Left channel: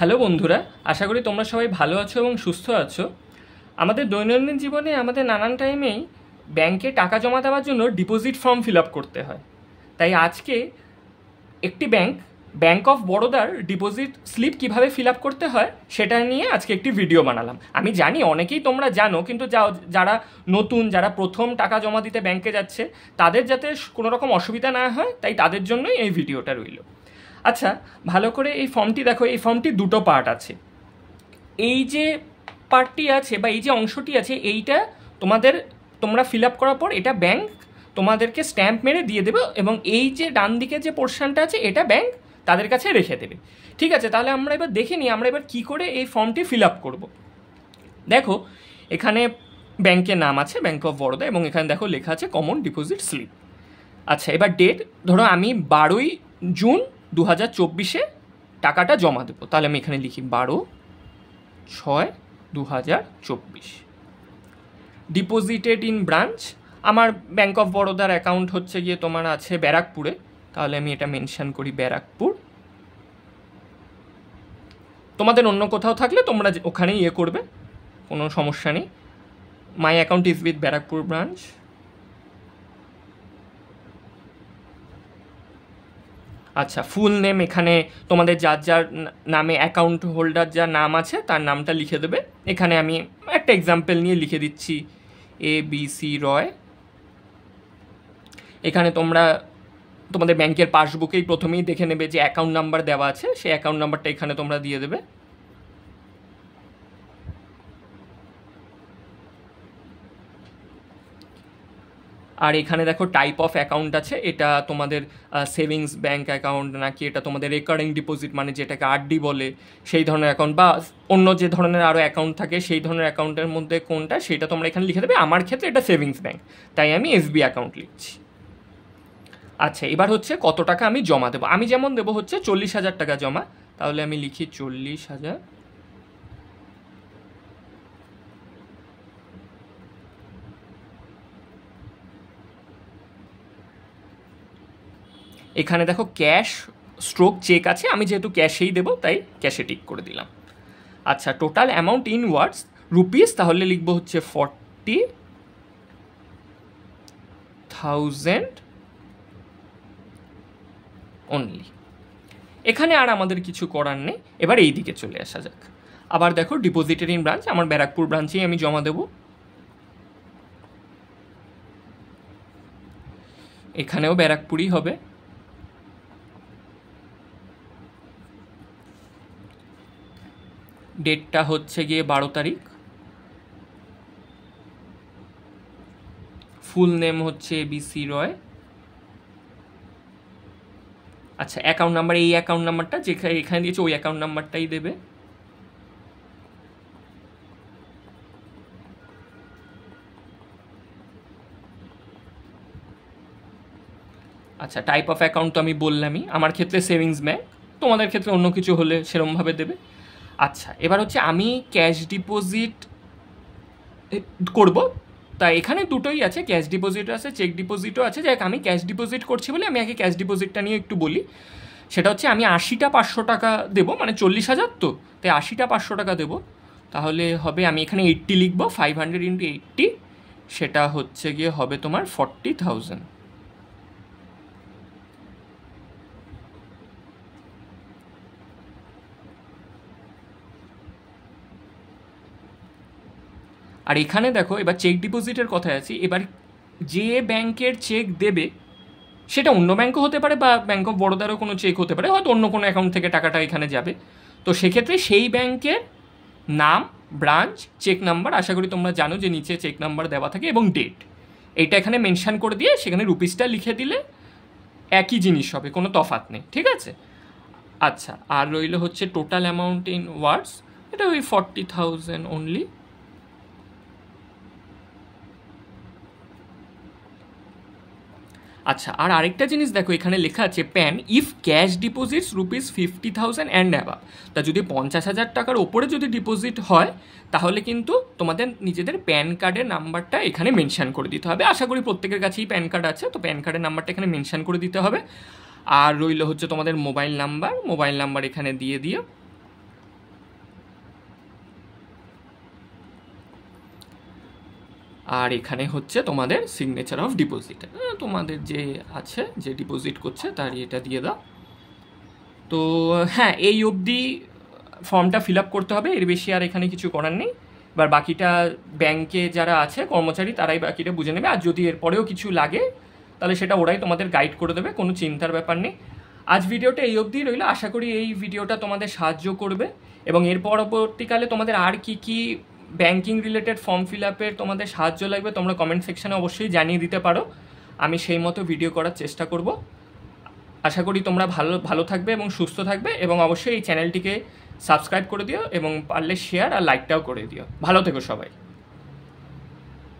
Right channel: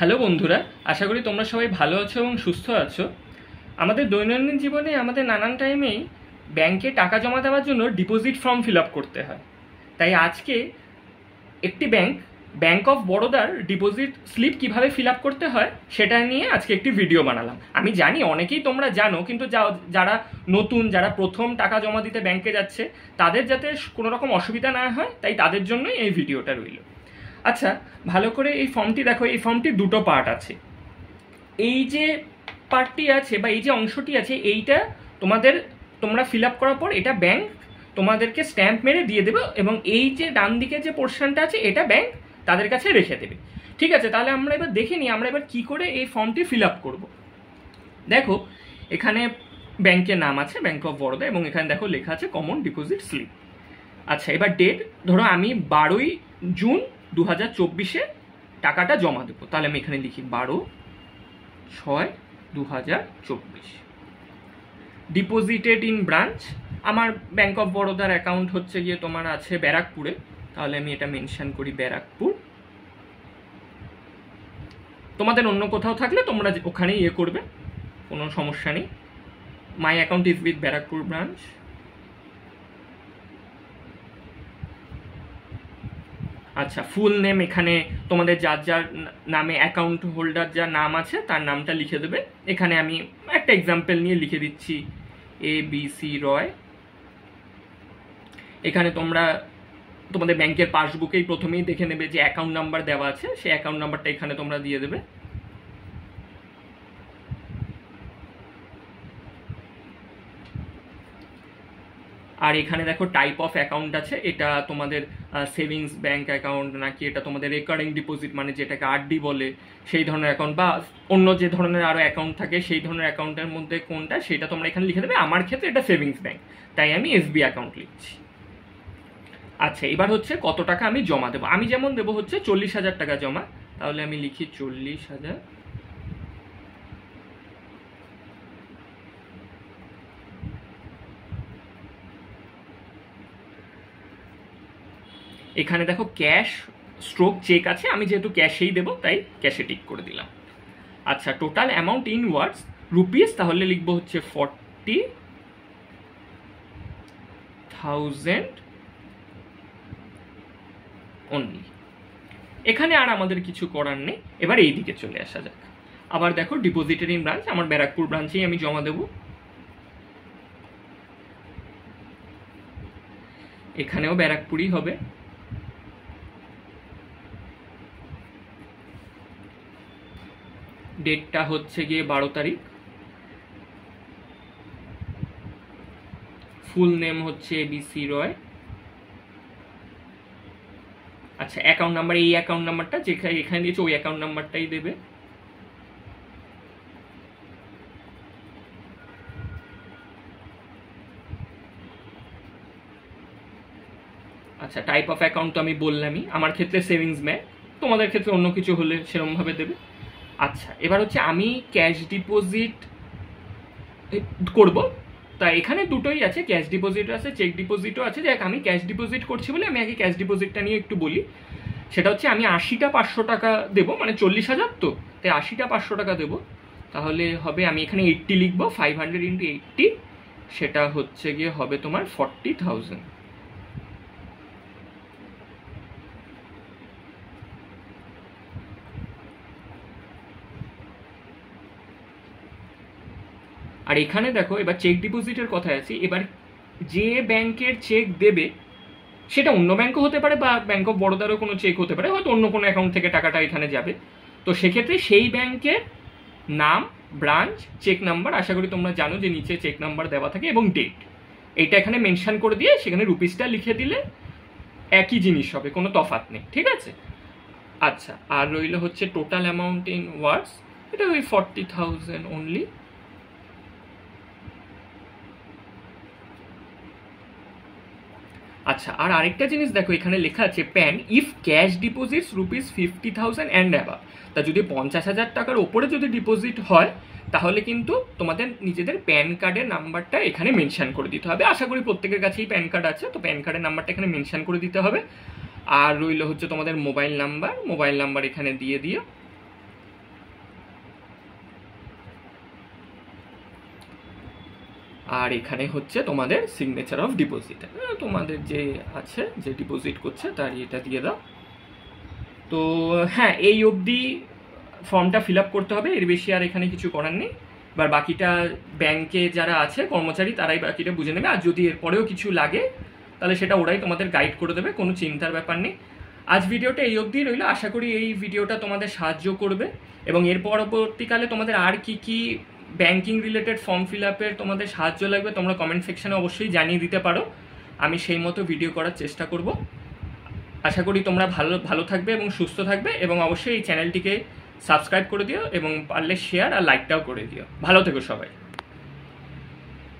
Hello বন্ধুরা, আশা করি তোমরা সবাই ভালো আছো এবং সুস্থ আছো। আমাদের দৈনন্দিন জীবনে আমাদের নানান টাইমেই ব্যাংকে টাকা জমা দেওয়ার জন্য ডিপোজিট ফর্ম ফিল আপ করতে হয়। তাই আজকে একটি ব্যাংক অফ বরোদার ডিপোজিট স্লিপ কিভাবে ফিল আপ করতে হয় সেটা নিয়ে আজকে একটি ভিডিও বানালাম। আমি জানি অনেকেই তোমরা জানো, কিন্তু যারা নতুন, যারা প্রথম টাকা জমা দিতে ব্যাংকে যাচ্ছে, তাদের যাতে কোনো রকম অসুবিধা না হয়, তাই তাদের জন্যই এই ভিডিওটা রইল। আচ্ছা, ভালো করে এই ফর্মটি দেখো। এই ফর্মটি দুটো পার্ট আছে। এই যে পার্টটি আছে বা এই যে অংশটি আছে, এইটা তোমরা ফিল আপ করার পর এটা ব্যাংক তোমাদেরকে স্ট্যাম্প মেরে দিয়ে দেবে, এবং এই যে ডান দিকে যে পোর্শনটা আছে এটা ব্যাংক তাদের কাছে রেখে দেবে। ঠিক আছে, তাহলে আমরা এবার দেখে নিই আমরা এবার কী করে এই ফর্মটি ফিল আপ করবো। দেখো, এখানে ব্যাংকের নাম আছে ব্যাংক অফ বরোদা, এবং এখানে দেখো লেখা আছে কমন ডিপোজিট স্লিপ। আচ্ছা, এবার ডেট ধরো আমি 12 জুন 2024 টাকাটা জমা দেবো। তাহলে আমি এখানে লিখি 12/6/2024। ডিপোজিটেড ইন ব্রাঞ্চ, আমার ব্যাংক অফ বরোদার অ্যাকাউন্ট হচ্ছে গিয়ে তোমার আছে ব্যারাকপুরে, তাহলে আমি এটা মেনশন করি ব্যারাকপুর। তোমাদের অন্য কোথাও থাকলে তোমরা ওখানে করবে, কোনো সমস্যা নেই। My account is with Barrackpore branch. আচ্ছা, ফুল নেম এখানে তোমাদের যার যার নামে অ্যাকাউন্ট হোল্ডার যার নাম আছে তার নামটা লিখে দেবে। এখানে আমি একটা এক্সাম্পল নিয়ে লিখে দিচ্ছি ABC রয়। এখানে তোমাদের ব্যাংকের পাসবুকেই প্রথমেই দেখে নেবে যে অ্যাকাউন্ট নাম্বার দেওয়া আছে, সেই অ্যাকাউন্ট নাম্বারটা এখানে তোমরা দিয়ে দেবে। আর এখানে দেখো টাইপ অফ অ্যাকাউন্ট আছে, এটা তোমাদের সেভিংস ব্যাংক অ্যাকাউন্ট নাকি এটা তোমাদের রেকারিং ডিপোজিট, মানে যেটাকে আরডি বলে, সেই ধরনের অ্যাকাউন্ট, বা অন্য যে ধরনের আরও অ্যাকাউন্ট থাকে সেই ধরনের অ্যাকাউন্টের মধ্যে কোনটা সেটা তোমরা এখানে লিখে দেবে। আমার ক্ষেত্রে এটা সেভিংস ব্যাংক, তাই আমি এসবি অ্যাকাউন্ট লিখছি। আচ্ছা, এবার হচ্ছে কত টাকা আমি জমা দেবো। আমি যেমন দেবো হচ্ছে 40,000 টাকা জমা, তাহলে আমি লিখি 40,000। এখানে দেখো ক্যাশ স্ট্রোক চেক আছে, আমি যেহেতু ক্যাশেই দেবো তাই ক্যাশে টিক করে দিলাম। আচ্ছা, total amount in words rupees, তাহলে লিখবো হচ্ছে 40,000 অনলি। এখানে আর আমাদের কিছু করার নেই। এবার এই দিকে চলে আসা যাক। আবার দেখো ডিপোজিটেড ইন ব্রাঞ্চ, আমার ব্যারাকপুর ব্রাঞ্চেই আমি জমা দেবো। এখানেও ব্যারাকপুরই হবে। ডেটটা হচ্ছে গিয়ে 12 তারিখ। ফুল নেম হচ্ছে ABC রয়। আচ্ছা, অ্যাকাউন্ট নাম্বার, এই অ্যাকাউন্ট নাম্বারটা যেখানে এখানে দিয়েছে ওই অ্যাকাউন্ট নাম্বারটাই দেবে। আচ্ছা, টাইপ অফ অ্যাকাউন্ট তো আমি বললামই, আমার ক্ষেত্রে সেভিংস ব্যাংক, তোমাদের ক্ষেত্রে অন্য কিছু হলে সেরকমভাবে দেবে। আচ্ছা, এবার হচ্ছে আমি ক্যাশ ডিপোজিট করব, তা এখানে দুটোই আছে, ক্যাশ ডিপোজিট আছে, চেক ডিপোজিটও আছে। যাক, আমি ক্যাশ ডিপোজিট করছি বলে আমি আগে ক্যাশ ডিপোজিটটা নিয়ে একটু বলি। সেটা হচ্ছে আমি 80টা 500 টাকা দেবো, মানে 40,000 তো, তাই 80টা 500 টাকা দেবো। তাহলে হবে, আমি এখানে 80 লিখবো, 500 × 80, সেটা হচ্ছে গিয়ে হবে তোমার 40,000। আর এখানে দেখো এবার চেক ডিপোজিটের কথায় আছে। এবার যে ব্যাংকের চেক দেবে সেটা অন্য ব্যাংকও হতে পারে, বা ব্যাংক অফ বরোদারও কোনো চেক হতে পারে, হয়তো অন্য কোনো অ্যাকাউন্ট থেকে টাকাটা এখানে যাবে। তো সেক্ষেত্রে সেই ব্যাংকের নাম, ব্রাঞ্চ, চেক নাম্বার, আশা করি তোমরা জানো যে নিচে চেক নাম্বার দেওয়া থাকে, এবং ডেট, এইটা এখানে মেনশন করে দিয়ে সেখানে রুপিসটা লিখে দিলে একই জিনিস হবে, কোনো তফাৎ নেই। ঠিক আছে। আচ্ছা, আর রইল হচ্ছে টোটাল অ্যামাউন্ট ইন ওয়ার্ডস, এটা ওই 40,000 অনলি। আচ্ছা, আর আরেকটা জিনিস দেখো, এখানে লেখা আছে pan if cash deposits ₹50,000 and above. তা যদি 50,000 টাকার ওপরে যদি ডিপোজিট হয়, তাহলে কিন্তু তোমাদের নিজেদের প্যান কার্ডের নাম্বারটা এখানে মেনশন করে দিতে হবে। আশা করি প্রত্যেকের কাছেই প্যান কার্ড আছে, তো প্যান কার্ডের নাম্বারটা এখানে মেনশন করে দিতে হবে। আর রইল হচ্ছে তোমাদের মোবাইল নাম্বার এখানে দিয়ে দিও। আর এখানে হচ্ছে তোমাদের সিগনেচার অফ ডিপোজিট, তোমাদের যে আছে যে ডিপোজিট করছে তার এটা দিয়ে দাও। তো হ্যাঁ, এই অবধি ফর্মটা ফিল আপ করতে হবে, এর বেশি আর এখানে কিছু করার নেই। এবার বাকিটা ব্যাংকে যারা আছে কর্মচারী তারাই বাকিটা বুঝে নেবে, আর যদি এরপরেও কিছু লাগে তাহলে সেটা ওরাই তোমাদের গাইড করে দেবে, কোনো চিন্তার ব্যাপার নেই। আজ ভিডিওটা এই অবধি রইল, আশা করি এই ভিডিওটা তোমাদের সাহায্য করবে এবং এর পরবর্তীকালে তোমাদের আর কি কি ব্যাংকিং রিলেটেড ফর্ম ফিল আপের তোমাদের সাহায্য লাগবে তোমরা কমেন্ট সেকশনে অবশ্যই জানিয়ে দিতে পারো, আমি সেই মতো ভিডিও করার চেষ্টা করব। আশা করি তোমরা ভালো থাকবে এবং সুস্থ থাকবে, এবং অবশ্যই এই চ্যানেলটিকে সাবস্ক্রাইব করে দিও এবং পারলে শেয়ার আর লাইকটাও করে দিও। ভালো থেকো সবাই।